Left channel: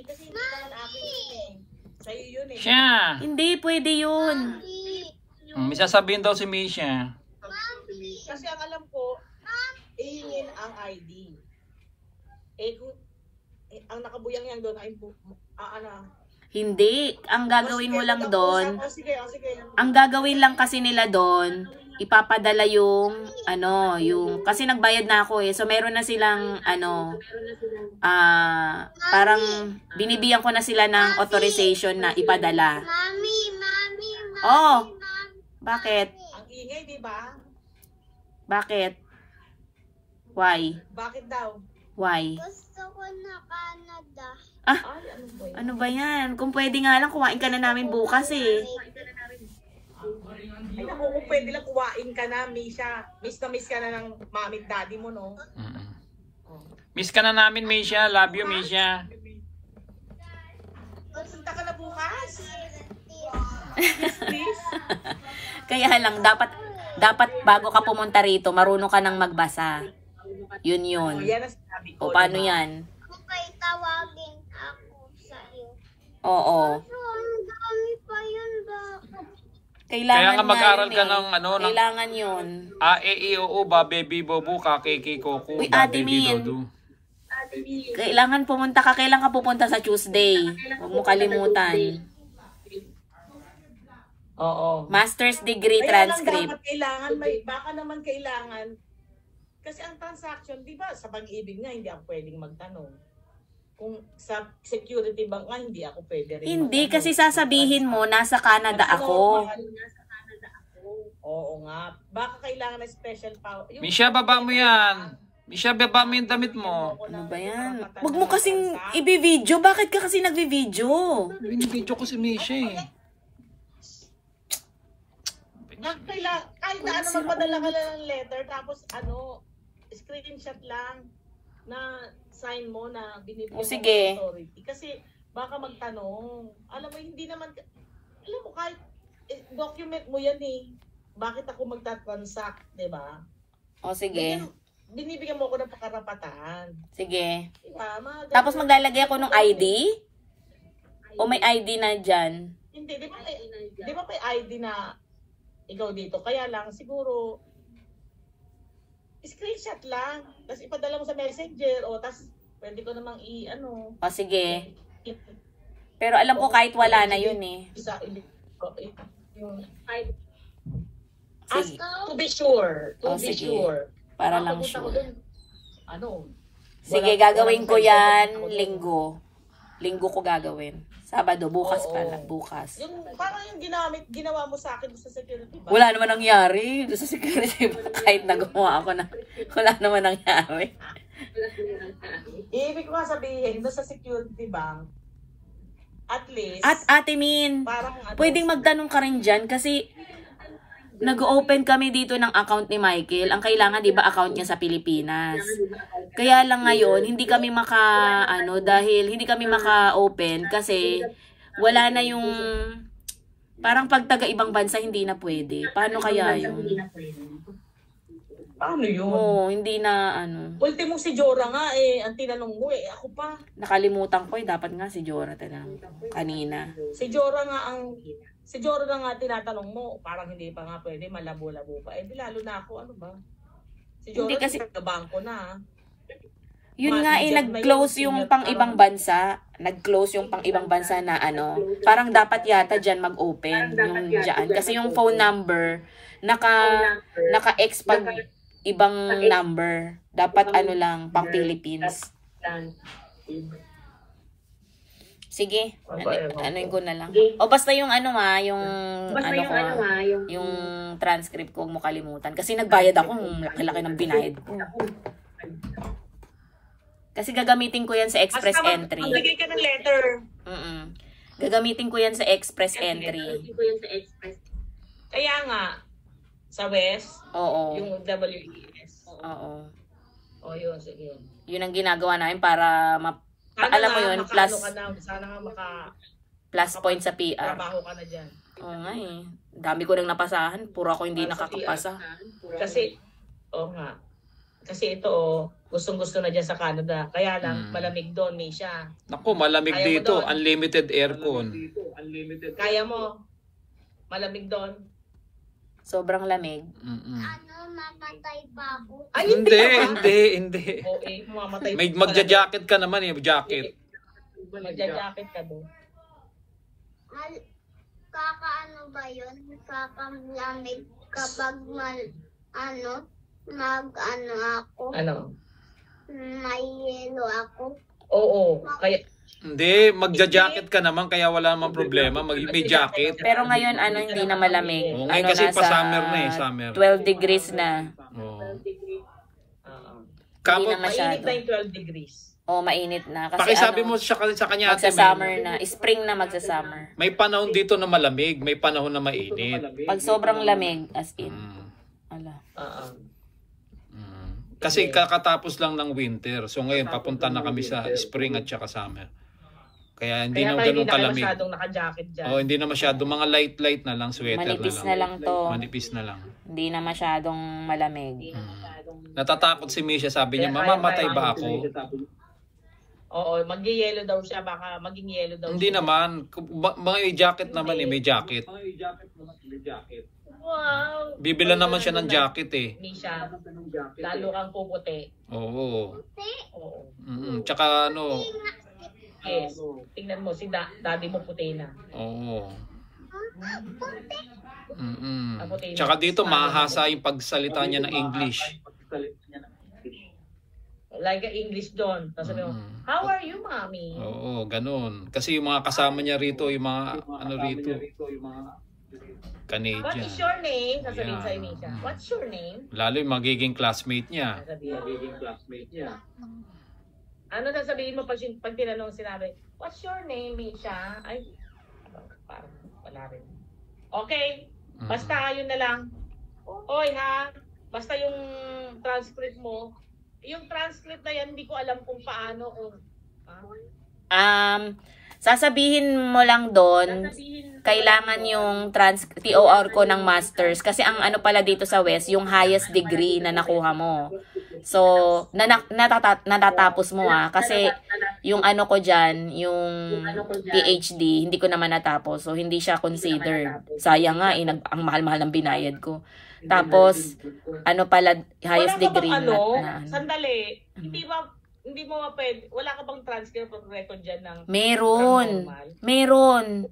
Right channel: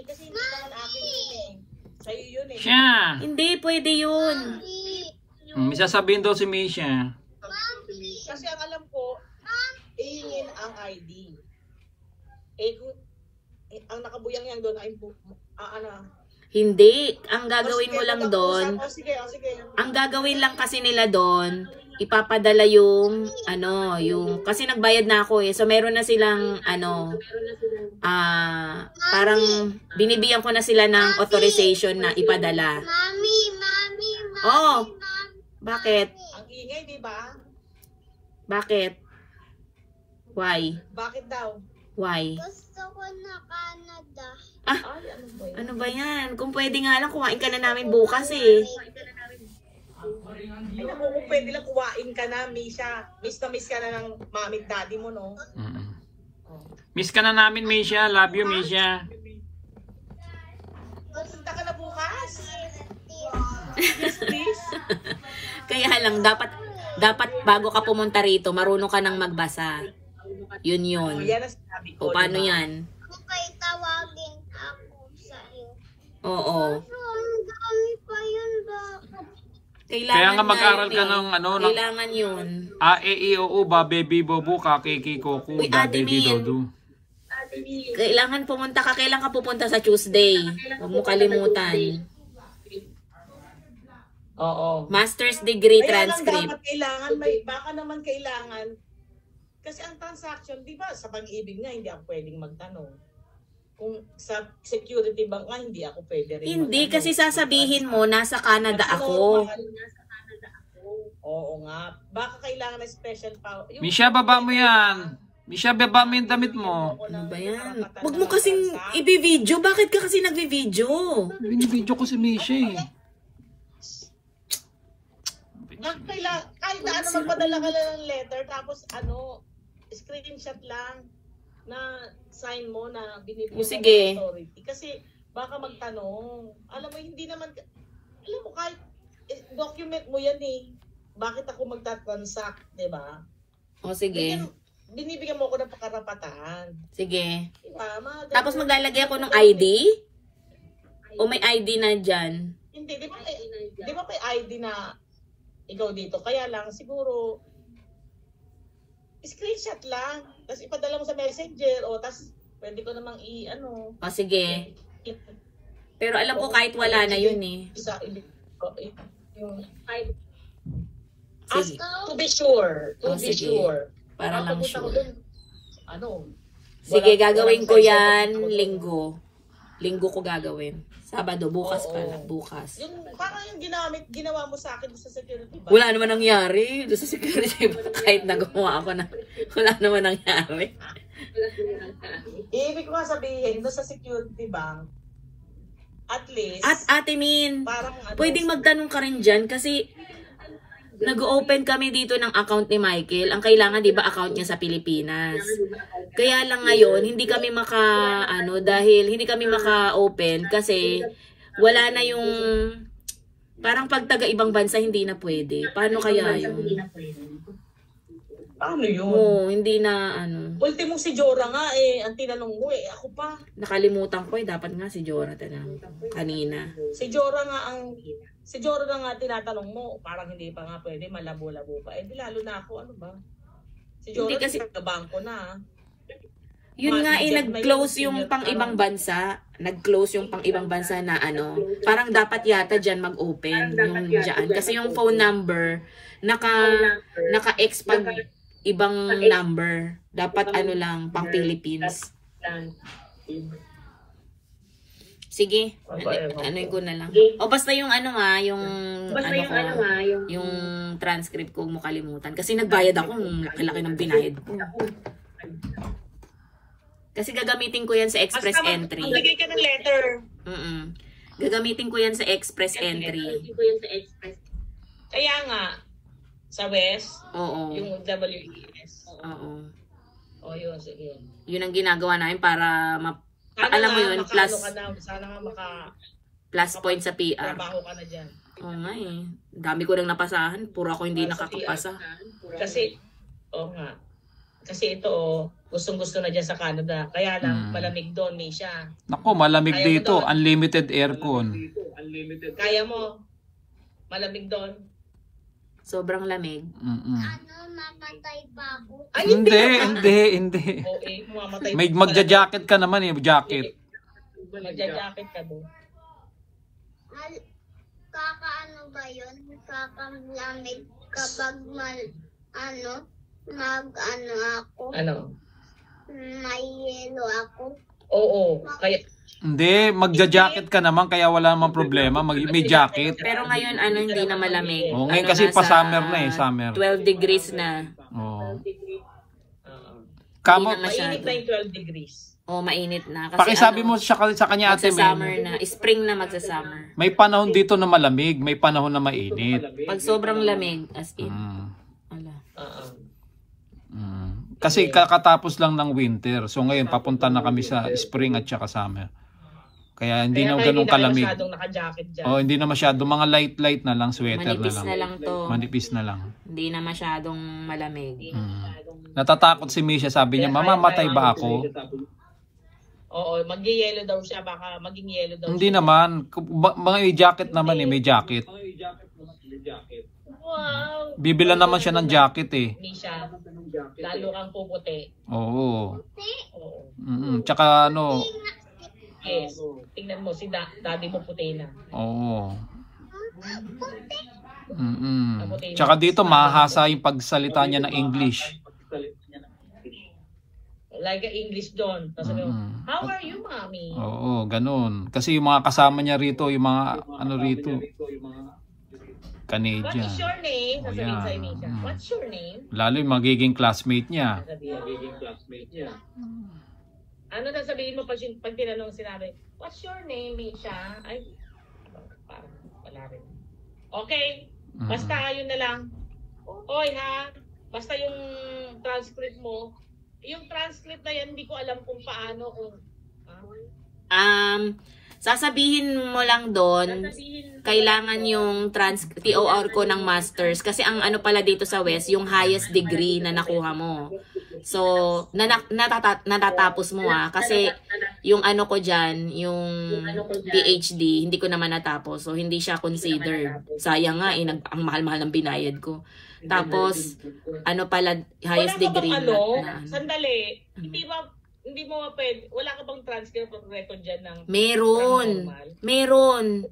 eh, kasi hindi naman akin yun eh. Sa'yo yun eh. Siya. Hindi, pwede yun. May sasabihin daw si Misha. Kasi ang alam ko, ihingin ang ID. Eh kung ang nakabuyang yan doon ay ano. Hindi. Ang gagawin mo lang doon, Sige. ang gagawin lang kasi nila doon, ipapadala yung, yung, kasi nagbayad na ako eh. So, meron na silang, parang binibigyan ko na sila ng authorization na ipadala. Mami. Oh, bakit? Ang ingay, di ba? Bakit? Why? Bakit daw? Why? Gusto ko na Canada. Ay, ano ba yan? Ano ba yan? Kung pwede nga lang, kumain ka na namin bukas eh. Ay, naku, kung pwede lang kuwain ka na, Misha. Miss na miss ka na ng mami at daddy mo, no? Miss ka na namin, Misha. Love you, Misha. Punta ka na bukas? Yes, please. Kaya lang, dapat bago ka pumunta rito, marunong ka nang magbasa. Yun. Oh, yan ang sinabi ko. O, paano diba? yan? Okay, tawagin ako sa'yo. Oo. Pero ang dami pa yun ba? Kailangan Kaya nga mag-aral yun ka eh. ng Kailangan yun. A, E, I, O, U, ba, baby, bobo, ka, kiki, koku, Uy, da, Ate baby, Min. dodo. Kailangan pumunta ka. Kailan ka pupunta sa Tuesday? Huwag mo kalimutan. Oo. Master's degree Kaya lang transcript. dapat kailangan, baka naman kailangan. Kasi ang transaction, di ba, sa pag-ibig nga, hindi ako pwedeng magtanong. Kung sa security bank nga, hindi ako pwede rin Hindi, magtanong. kasi sasabihin mo, nasa Canada ako. Oo nga. Baka kailangan na special power. Misha, baba mo yan. Misha, baba mo yung damit mo. Ano ba yan? Huwag mo kasing i-video. Bakit ka kasi nagvi-video? Binibidyo ko si Misha eh. Kahit na magpadala ka lang ng letter, tapos screenshot lang na sign mo na binibigyan mo Sige. ng authority. Kasi baka magtanong. Alam mo, hindi naman, alam mo, kahit document mo yan eh. Bakit ako magta-transact, di ba? O sige. Binibigyan mo ako ng pakarapatan. Sige. Diba? Tapos maglalagay ako ng ID? O may ID na dyan? Hindi, di ba may ID na ikaw dito? Kaya lang, siguro, screenshot lang. Tapos ipadala mo sa messenger. O, tapos pwede ko namang O sige. Pero alam ko kahit wala na yun eh. As to be sure. To be sige. sure. Para lang Papunta ko sure. dun, Sige, walang gagawin ko sense yan na linggo. Linggo ko gagawin. Sabado, bukas Oo. pala. Bukas. Yung parang yung ginawa mo sa akin sa security ba? Wala naman nangyari. Doon sa security kahit nagawa ako na wala naman nangyari. Ibig ko nga sabihin, doon sa security bank, at least, At Ate Min, parang pwedeng magtanong ka rin dyan kasi nag-open kami dito ng account ni Michael. Ang kailangan, di ba, account niya sa Pilipinas. Kaya lang ngayon, hindi kami dahil hindi kami maka-open kasi wala na yung, parang pag taga ibang bansa, hindi na pwede. Paano kaya yun? Paano yun? Oo, hindi na, Ultimo si Jora nga ang tinanong mo ako pa. nakalimutan ko dapat nga si Jonathan kanina. Si Jora nga tinatanong mo, parang hindi pa nga pwede, malabo-labo pa. Di lalo na ako, ano ba? Si Jora, Hindi kasi- bangko na. Yun nga nag-close yung pang-ibang bansa. Nag-close yung pang-ibang bansa na parang dapat yata dyan mag-open yung dyan. Kasi yung phone number, naka-ex pag ibang number. Dapat lang, pang Philippines. Sige, anuin ko na lang. O basta yung yung transcript ko, huwag mo kalimutan. Kasi nagbayad ako, laki-laki ng binayad ko. Kasi gagamitin ko yan sa express entry. Maglagay ka ng letter. Gagamitin ko yan sa express entry. Kaya nga, sa West, Oo. yung WES. Oo. O yun, sige. Yun ang ginagawa namin para Sana alam mo nga, yun, sana nga plus point sa PR. trabaho ka na dyan. Oo nga eh. Dami ko nang napasahan. Puro ako hindi Para sa nakakapasa. Kasi, nga. Kasi ito, gustong-gusto na dyan sa Canada. Kaya lang, malamig doon, Misha. Naku, malamig Kaya mo dito. doon. Unlimited aircon. Kaya mo, malamig doon. Sobrang lamig. Mm-mm. Ano, mamatay pa ako. Ay, Hindi, naman. hindi. Oo, mamamatay. May magja-jacket ka naman eh, jacket. Magja-jacket ka doon. Kakaano ba yun? Kakalamig kapag ako, Ano? may yelo ako. Oo, kaya Hindi, magja-jacket ka naman kaya wala namang problema. May jacket. Pero ngayon, hindi na malamig. Oo, ngayon Ano, kasi nasa pa-summer na eh, summer. 12 degrees na. Oo. Hindi Kamo, na mainit na yung 12 degrees. O, mainit na. Kasi pakisabi mo sa kanya ate, magsa-summer na. Spring na magsa-summer. may panahon dito na malamig, may panahon na mainit. Pag sobrang lamig, as in. Ala. Kasi kakatapos lang ng winter. So ngayon papunta na kami sa spring at saka summer. Kaya hindi na ganun kalamig. Masyadong naka-jacket dyan. Oh, hindi na masyado, mga light na lang, sweater Manipis na na lang. lang to. Manipis na lang. Hindi na masyadong malamig. Natatakot si Misha, sabi niya, mamamatay ba ako? Oo, mag-yellow daw siya, baka maging yellow daw Hindi siya. naman, may jacket naman eh, may jacket. Wow! Bibila naman siya ng jacket eh. Misha, lalo kang puputi. Oo. Oo. Tsaka ano, Yes. Tingnan mo, si daddy mo puti na. oo. Puti na. Tsaka dito mahahasa yung pagsalita niya ng English. Like English doon. Tapos sabi mo, how are you, mommy? Oo, ganun. Kasi yung mga kasama niya rito, yung mga ano rito, Canadian. What is your name? Sasabihin Ayan. sa Misha. What's your name? Lalo yung magiging classmate niya. Sasabihin. Ano sasabihin mo pag tinanong sinabi, what's your name, Misha? Ay, parang wala rin. Okay, basta yun na lang. Oy ha, basta yung transcript mo, yung transcript na yan, hindi ko alam kung paano, Sasabihin mo lang doon, kailangan yung TOR ko ng masters. Kasi ang ano pala dito sa West, yung highest degree na nakuha mo. So, natatapos mo kasi yung ano ko dyan, yung PhD, hindi ko naman natapos. So, hindi siya considered. Sayang nga, ang mahal-mahal ng binayad ko. Tapos, ano pala, highest wala ka degree. bang sandali, hindi mo pwede, wala ka bang transcript of record dyan ng Meron.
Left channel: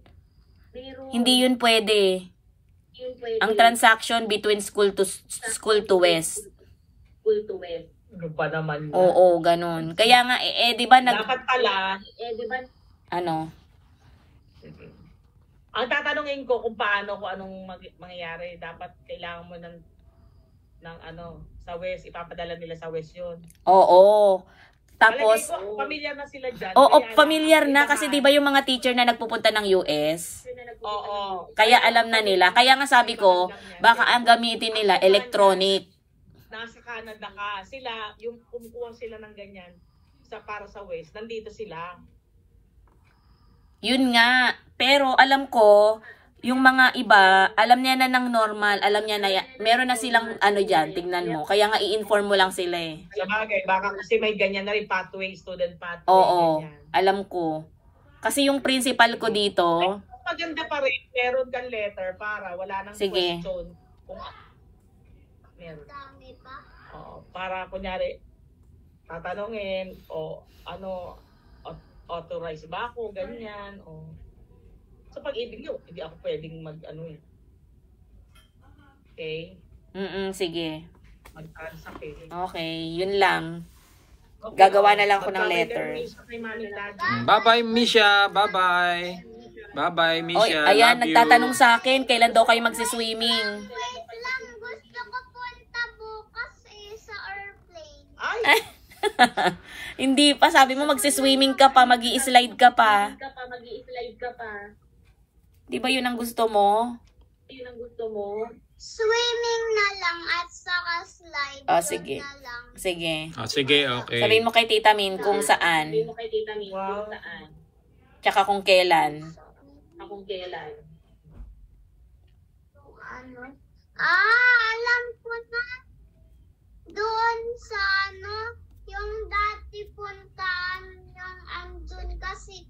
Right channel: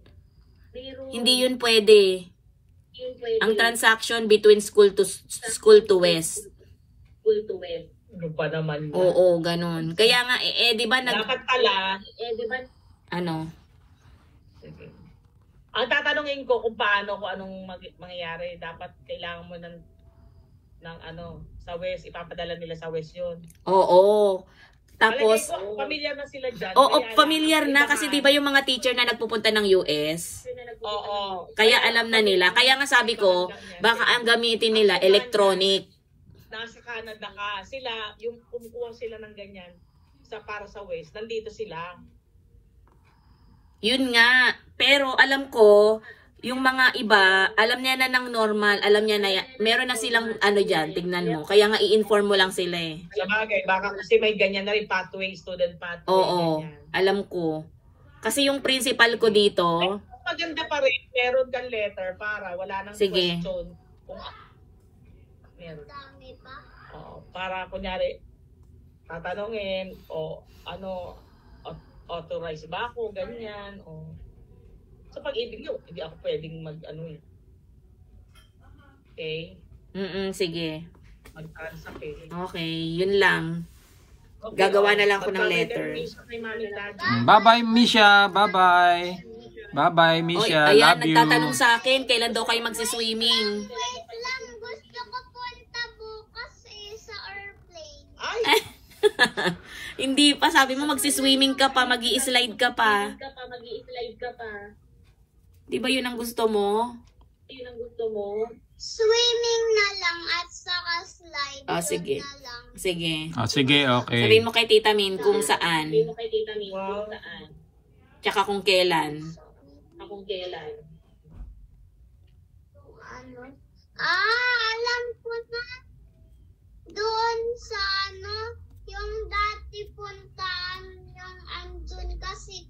Hindi yun pwede. Ang transaction between school to West. Ano pa naman na? Oo, ganun. Kaya nga, di ba Dapat pala, ano? sige. Ang tatanungin ko kung anong mangyayari, dapat kailangan mo ng ano, sa West, ipapadala nila sa West yun. Oo. Tapos, familiar na sila dyan. oo, familiar na kasi di ba yung mga teacher na nagpupunta ng US? Oo. Kaya alam na nila. Kaya nga sabi ko, baka ang gamitin nila electronic. Nasa Canada ka. Sila, yung kumukuha sila ng ganyan para sa West, nandito sila. Yun nga. Pero alam ko, yung mga iba, alam niya na ng normal, alam niya na, meron na silang ano dyan, tignan mo. Kaya nga i-inform mo lang sila eh. Sa bagay, baka kasi may ganyan na rin pathway, student pathway. Oo, ganyan. alam ko. Kasi yung principal ko dito, Maganda pa rin, meron kang letter para wala nang sige. question. Kung meron. Dami pa. Oo, para kunyari, tatanungin, o ano, authorize ba ako, ganyan, o sa pag-ibig yun, hindi ako pwedeng mag-ano eh. Okay? sige. Mag-transact eh. Okay, yun lang. Okay, Gagawa na lang ako ng Magbabay letter. ka, Misha, kay Mami, Daddy. Bye-bye, Misha. Bye-bye. Bye-bye, Oy, Misha. ayan, Love you. nagtatanong sa akin, kailan daw kayo magsiswimming? Wait lang, gusto ko punta bukas sa airplane. Ay! Hindi pa, sabi mo magsiswimming ka pa, mag-i-slide ka pa. Di ba yun ang gusto mo? Swimming na lang at saka slide. Ah, Yun sige. na lang. Sige. Sige, okay. Sabi mo kay Tita Min kung saan, Wow. tsaka kung kailan. Ano? Ah, alam ko na. doon sa ano, yung dati puntaan yung andun kasi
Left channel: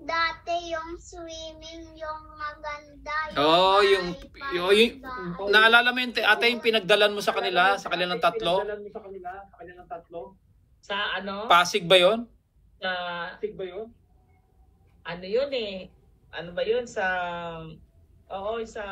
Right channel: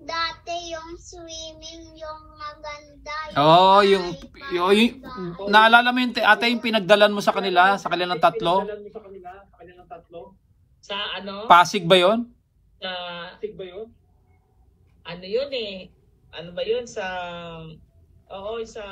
dati yung swimming yung maganda. Oh, may naalala mo yung ate yung pinagdalan mo sa kanilang tatlo? Sa ano? Pasig ba yon? Sa ano yun eh? Ano ba yun? Sa sa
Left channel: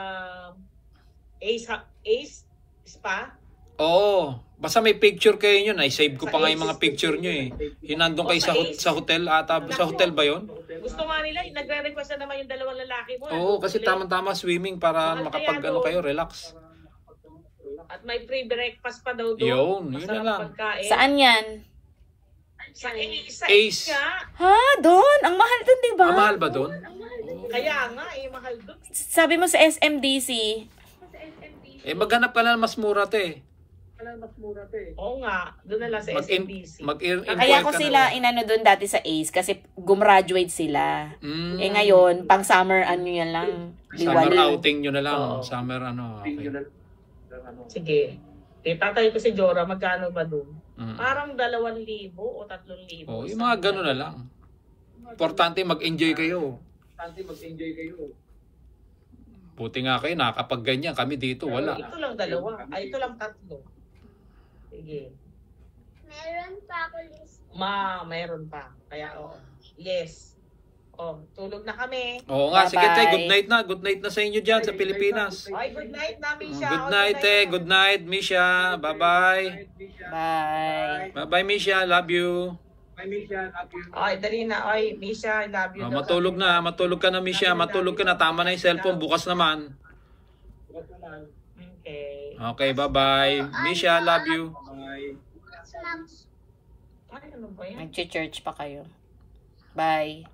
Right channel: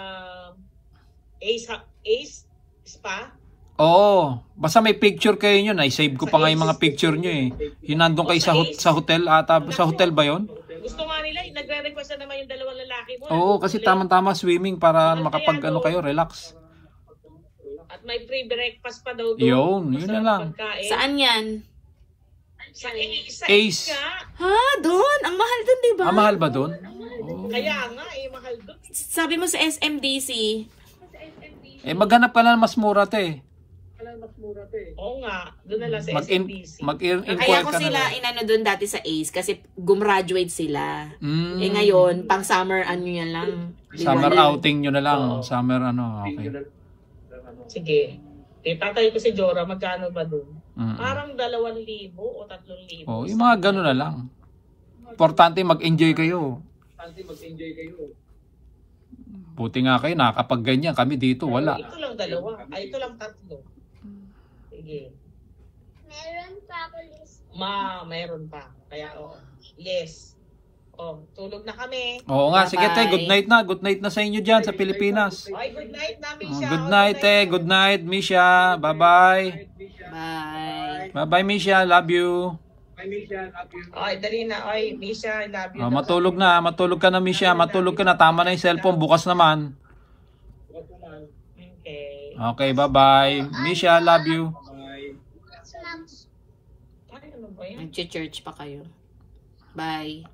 Ace Spa? Oo, basta may picture kayo yun. Ay, save ko pa nga yung mga picture nyo eh. Yung nandun kayo sa hotel ata. Sa hotel ba yon? Gusto nga nila, nagre-request na naman yung dalawang lalaki mo. Oo, kasi tamang-tama swimming para makapag ano kayo, relax. At may free breakfast pa daw doon. Yun na lang. Pagkain. Saan yan? Sa Ace. nga. Ha? Doon? Ang mahal doon, di ba? Mahal ba doon? Kaya nga, mahal doon. Sabi mo sa SMDC. Maghanap ka na mas mura te. Oo nga, doon na lang sa SMBC. Kaya ko sila inano doon dati sa ACE kasi gumraduate sila. Ngayon, pang summer ano yan lang. Summer outing nyo na lang. Summer ano. Okay. Sige. Tatay ko si Jora, magkano ba doon? Parang 2,000 o 3,000. Oh, yung mga gano'n na lang. Importante mag-enjoy kayo. Buti nga kayo, nakakapag ganyan. Kami dito, wala. Ito lang 2. Ito lang 3. Sige. Meron pa ako list. Meron pa. Kaya, yes. Tulog na kami. Oo nga, sige te, good night na. Good night na sa inyo dyan sa Pilipinas. Ay, good night na, Misha. Good night te, good night, Misha. Bye-bye. Bye. Bye-bye, Misha. Love you. Ay, dali na. Ay, Misha, I love you. Matulog na. Matulog ka na, Misha. Matulog ka na. Tama na yung cellphone. Bukas naman. Okay. Okay, bye-bye. Misha, love you. Ay, ano ba yan? Nag-church pa kayo. Bye.